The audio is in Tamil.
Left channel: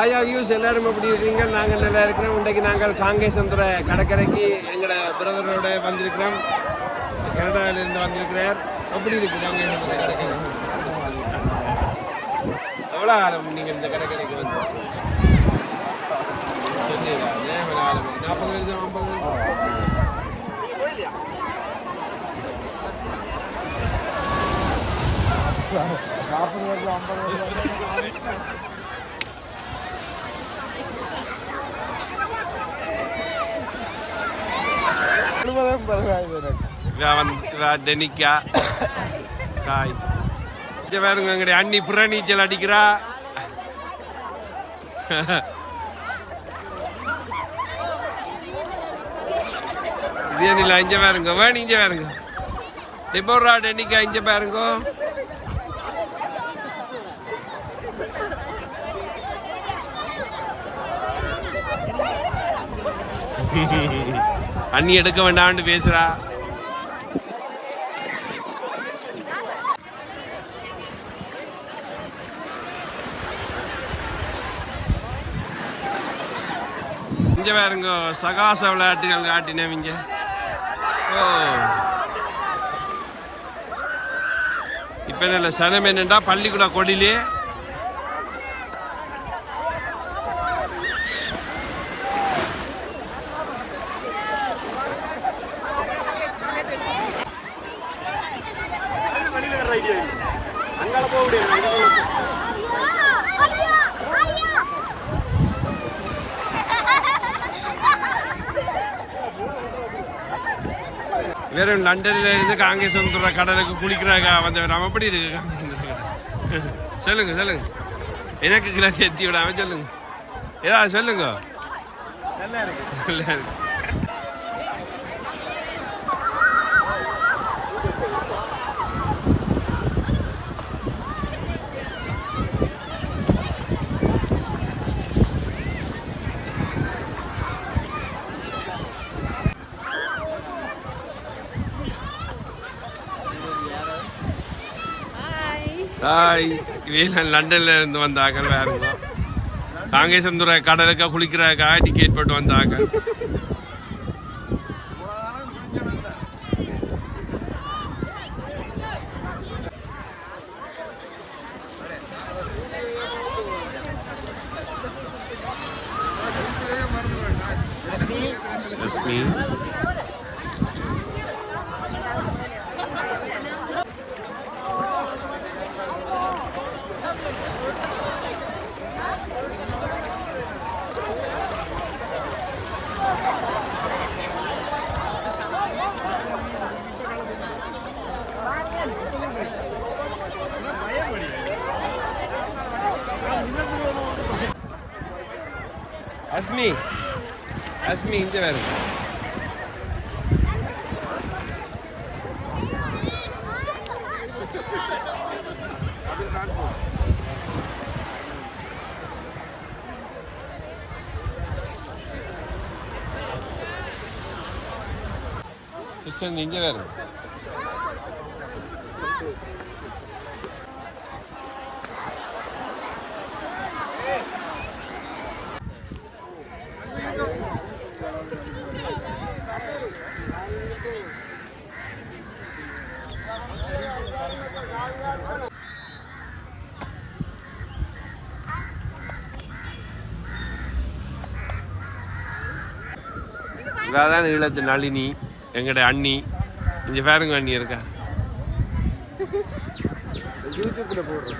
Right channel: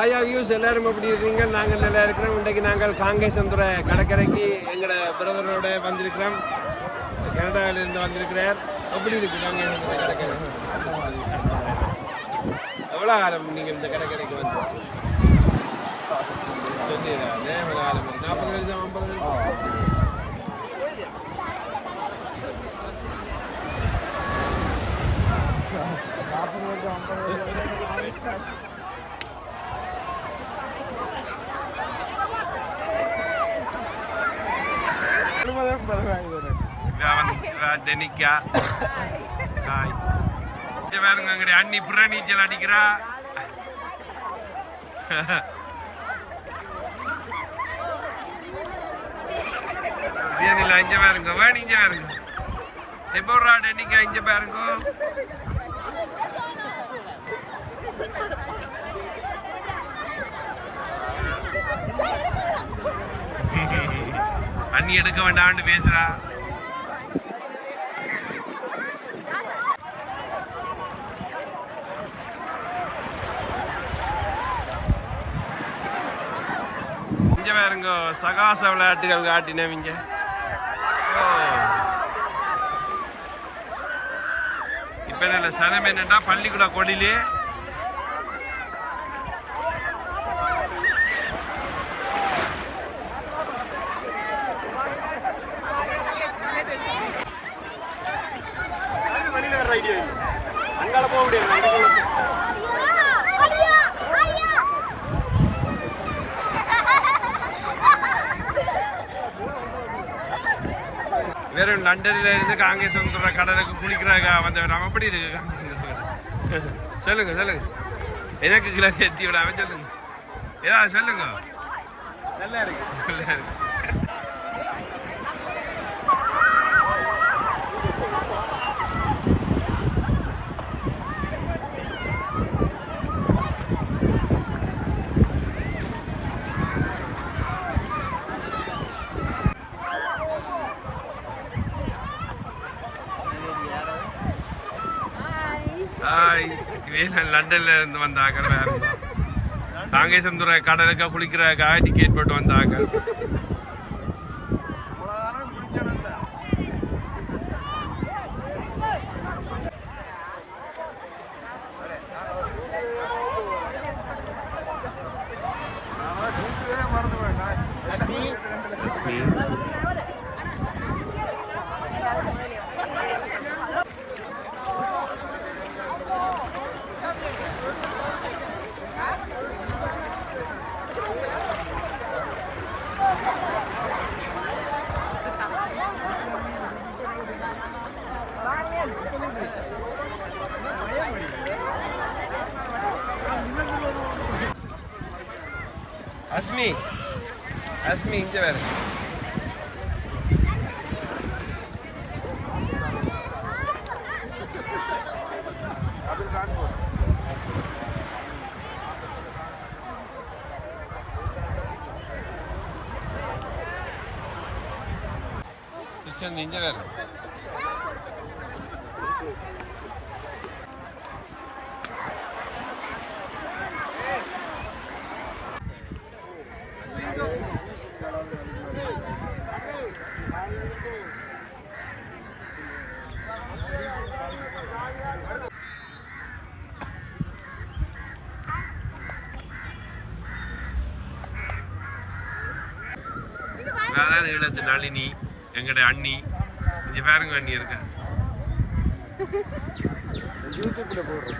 ஹாயா வியூஸ் எல்லாரும் எப்படி இருக்கீங்க? நாங்கள் நல்லா இருக்கிறோம். இன்றைக்கு நாங்கள் காங்கேசந்துறை கடற்கரைக்கு எங்களை பிரதரோட வந்திருக்கிறோம். கனடாவிலிருந்து வந்திருக்கிறார். எப்படி இருக்கு காங்கேசந்துறை கடற்கரை? எவ்வளோ காலம் நீங்கள் இந்த கடற்கரைக்கு வந்து? சொல்லிடுறா, நாற்பது வருஷம் ஐம்பது வருஷம்? டெனிக்கா. காய். இங்க பாருங்க எங்களுடைய அண்ணி புற நீச்சல் அடிக்கிறா. இது இல்லை இங்க பாருங்க வேணும் இங்க பாருங்க. டெபோரா டெனிக்கா இங்க பாருங்க. அண்ணி எடுக்க வேண்டாம்னு பேசுறா. இங்க பாருங்க சகாச விளையாட்டுகள் காட்டினவங்க ஓ. இப்ப என்ன சனம் என்னண்டா பள்ளிக்கூட கொடிலே? வெறும் லண்டன்ல இருந்து காங்கேசந்துற கடலுக்கு குளிக்கிறாங்க. வந்தவர் அவன் எப்படி இருக்கு? காங்கேசந்துற கடல். சொல்லுங்க சொல்லுங்க. எனக்கு கிளாஸ் எத்தி விடாம சொல்லுங்க. ஏதாவது சொல்லுங்க. நல்லா இருக்கு. நல்லா இருக்கு. ஹாய் வேலன் லண்டன்ல இருந்து வந்தாங்க வேறுங்க காங்கேசந்துறை கடலுக்கு குளிக்கிறதுக்காக டிக்கெட் போட்டு வந்தாங்க. ரஷ்மி அஸ்மி அஸ்மி இங்க வேறு கிருஷ்ணன் இங்க வேறு இதான் ஈழத்து நளினி எங்கட அண்ணி. இங்க பாருங்க அண்ணி இருக்கா. யூடியூப்ல போடுறேன்.